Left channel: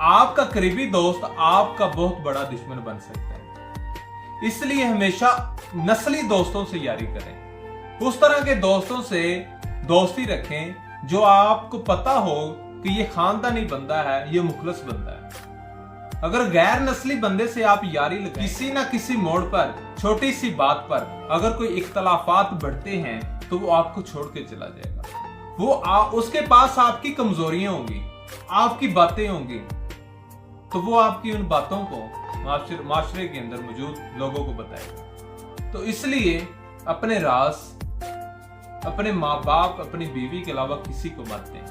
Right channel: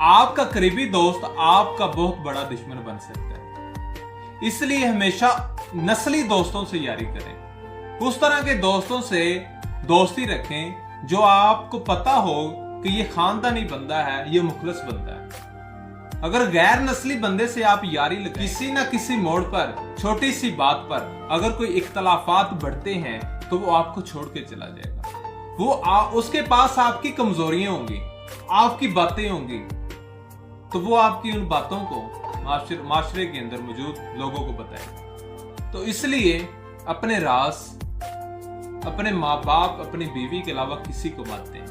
आपका करीबी दोस्त आपका बहुत बड़ा दुश्मन बन सकता है। इसलिए हमेशा नस्ली दोस्तों से यारी करें। उस तरह के दोस्तों से दोस्ती रखें जो आपको पता हो कि ये खानदानी बंदा है, ये मुखलिस बंदा है। अगर गैर नस्ली बंदे से आप यारी लगाएं, किसी ना किसी मोड़ पर, छोटी सी बात पर अगर कोई इख्तलाफात बढ़ते हैं तो वो आपको छोड़ के चला जाएगा। उसके पास आपकी कमजोरियां होंगी, आपकी बातें होंगी, तो वो आपकी उन बातों को माशरे के अंदर मौजूद लोगों को बताएगा। तो इसलिए अपने राज अपने माँ बाप, अपनी बीवी के अलावा किसी को मत दें।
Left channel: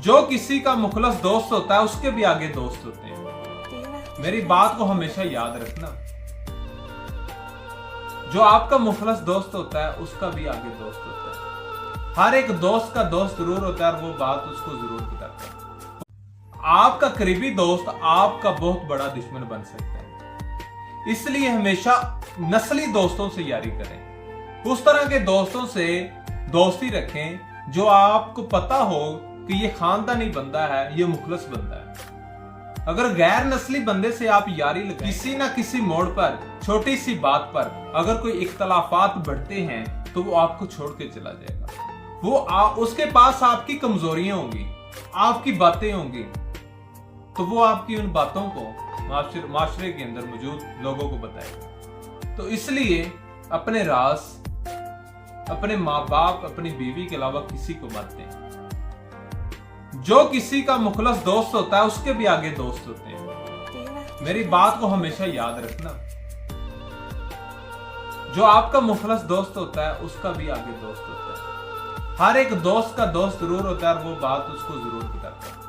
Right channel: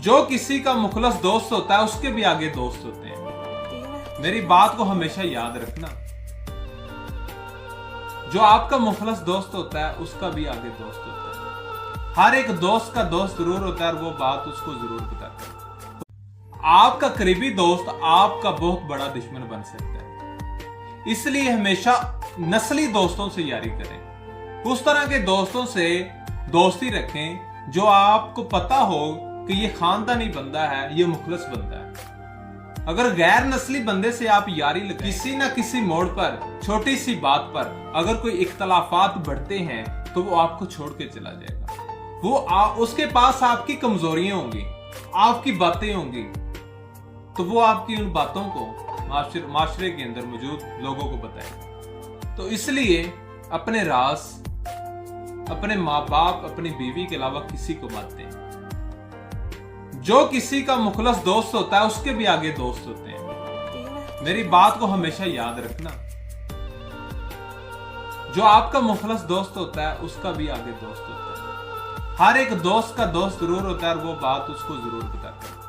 जो किसी का मुखलस दोस्त होता है उसके भी आगे दोस्त होते हैं। मेरी बात को हमेशा याद रखना। जो आपका मुखलस दोस्त होता है उसका भी आगे दोस्त होता है। हर एक दोस्त का दोस्त जरूर होता है और वो बात उसको जरूर बताता है। आपका करीबी दोस्त आपका बहुत बड़ा दुश्मन बन सकता है। इसलिए हमेशा नस्ली दोस्तों से यारी करें। उस तरह के दोस्तों से दोस्ती रखें जो आपको पता हो कि ये खानदानी बंदा है, ये मुखलिस बंदा है। अगर गैर नस्ली बंदे से आप यारी लगाएं, किसी ना किसी मोड़ पर, छोटी सी बात पर अगर कोई इख्तलाफात बढ़ते हैं तो वो आपको छोड़ के चला जाएगा। उसके पास आपकी कमजोरियां होंगी, आपकी बातें होंगी, तो वो आपकी उन बातों को माशरे के अंदर मौजूद लोगों को बताएगा। तो इसलिए अपने राज अपने माँ बाप, अपनी बीवी के अलावा किसी को मत दें। जो किसी का मुखलस दोस्त होता है उसके भी आगे दोस्त होते हैं। मेरी बात को हमेशा याद रखना। जो आपका मुखलस दोस्त होता है उसका भी आगे दोस्त होता है। हर एक दोस्त का दोस्त जरूर होता है और वो बात उसको जरूर बताता है।